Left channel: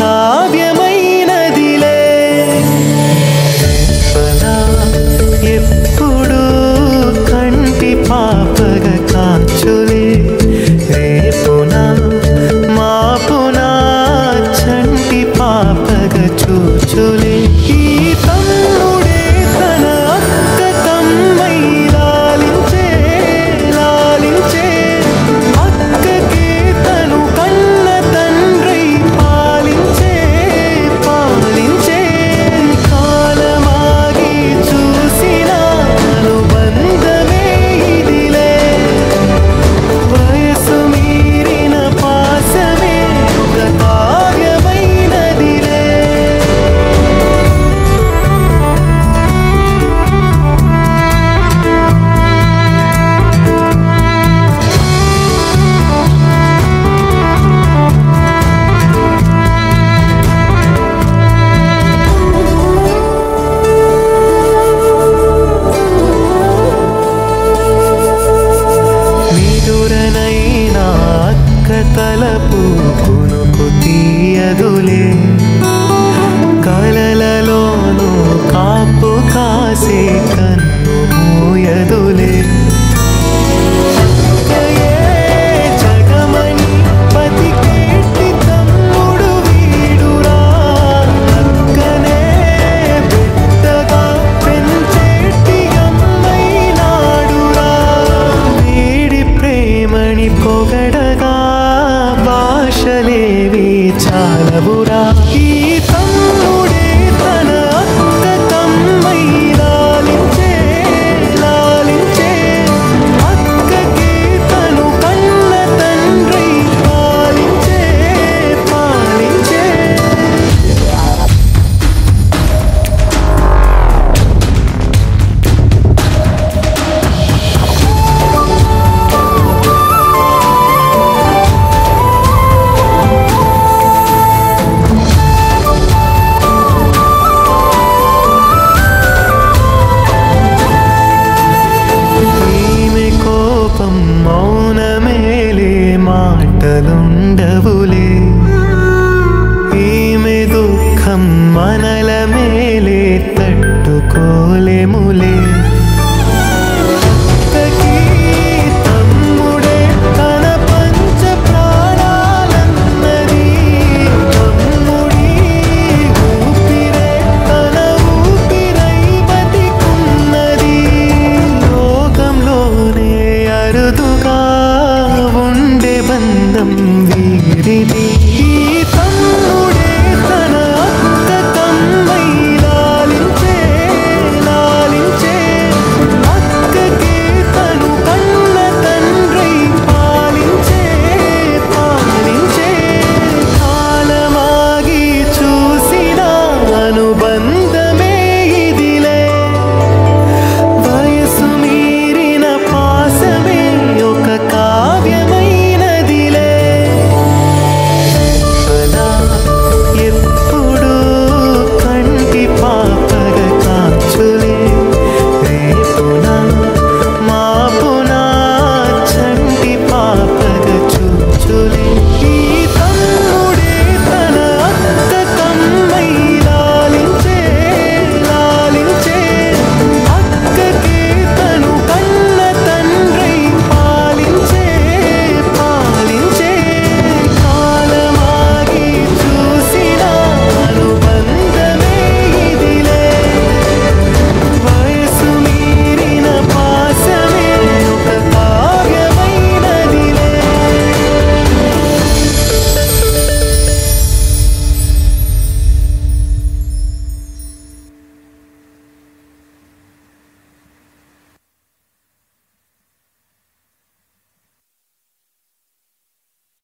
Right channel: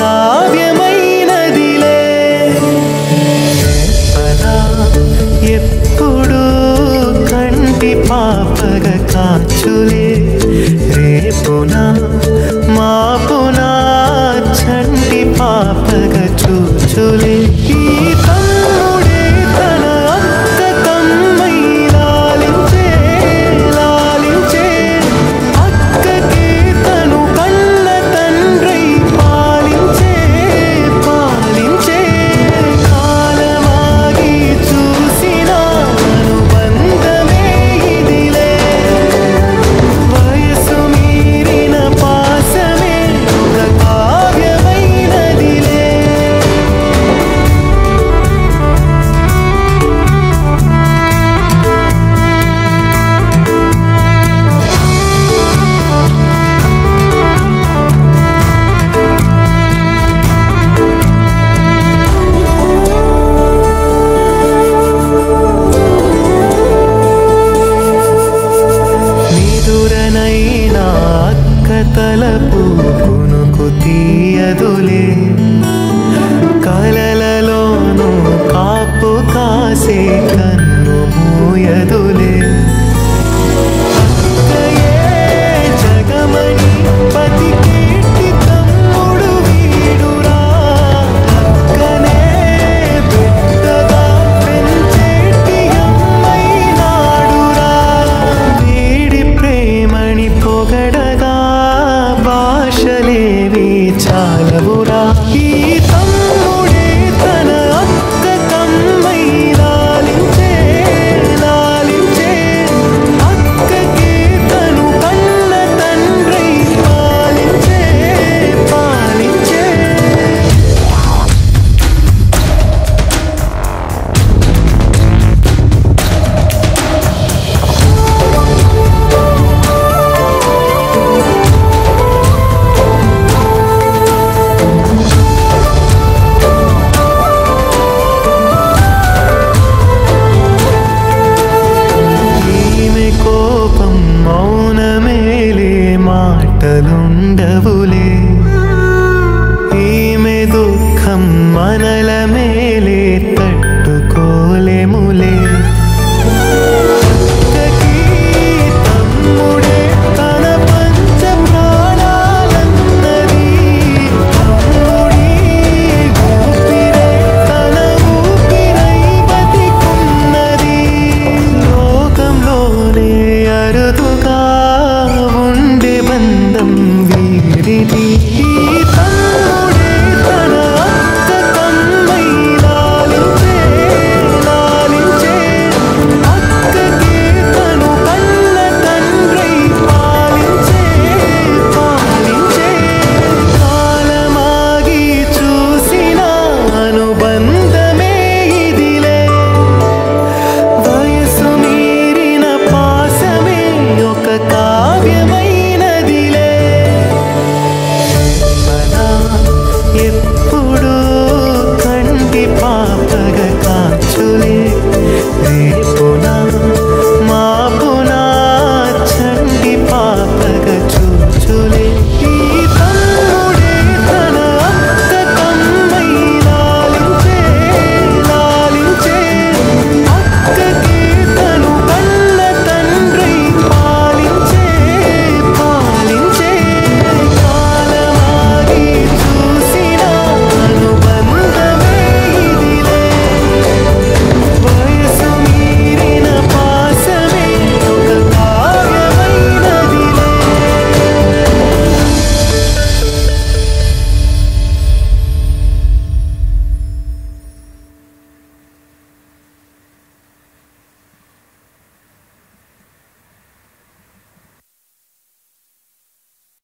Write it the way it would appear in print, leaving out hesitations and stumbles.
కావ్యమైనదిలే. రేపలా ఎప్పుడు కంటి పాపగ కాచులే, రేపునా మాపునా చంటి పాపగ చూచులే. ఈ తమ్ముడే తన అక్క కమ్మై లాలించే లాలించే, అక్కకే తను కన్న తండ్రై పాలించే పాలించే. కాలమాగి చూసిన అనుబంధమే ఇదిలే, వయసు మీరిన పాసమే ఒక కావ్యమైనదిలే. నిదురనైనా అక్క తలపు కునుకు తీయదులే, కలలలోనూ కాపు కాసే కన్ను మూయదులే. అక్కయే జగమణి బతికేటి తమ్ముడు వీడురా, అక్కనే బిడ్డగా పెంచేటి అమ్మైనాడురా. వీడి ప్రేమని పొగడగా భాషలేవి చాలవురా. ఈ తమ్ముడే తన అక్క కమ్మై లాలించే లాలించే, అక్కకే తను కన్న తండ్రై పాలించే పాలించే. కోపం మౌనమేలే మాటలుండవులే, ఈమె దుఃఖం మనల మేలే తట్టుకోలేములే. అక్కకి తమ్ముడే తన పంచ ప్రాణాలన్నది, తమ్ముడి ఊపిరే తన ఊపిరై బతికున్నది. లోకంలోనే అరుదుగా ఉండే బంధం వీరిది. ఈ తమ్ముడే తన అక్క కమ్మై లాలించే లాలించే, అక్కకే తను కన్న తండ్రై పాలించే పాలించే. కాలమాగి చూసిన అనుబంధమే ఇదిలే, వయసు మీరిన పాసమే ఒక కావ్యమైనదిలే. రేపలా ఎప్పుడు కంటి పాపగ కాచులే,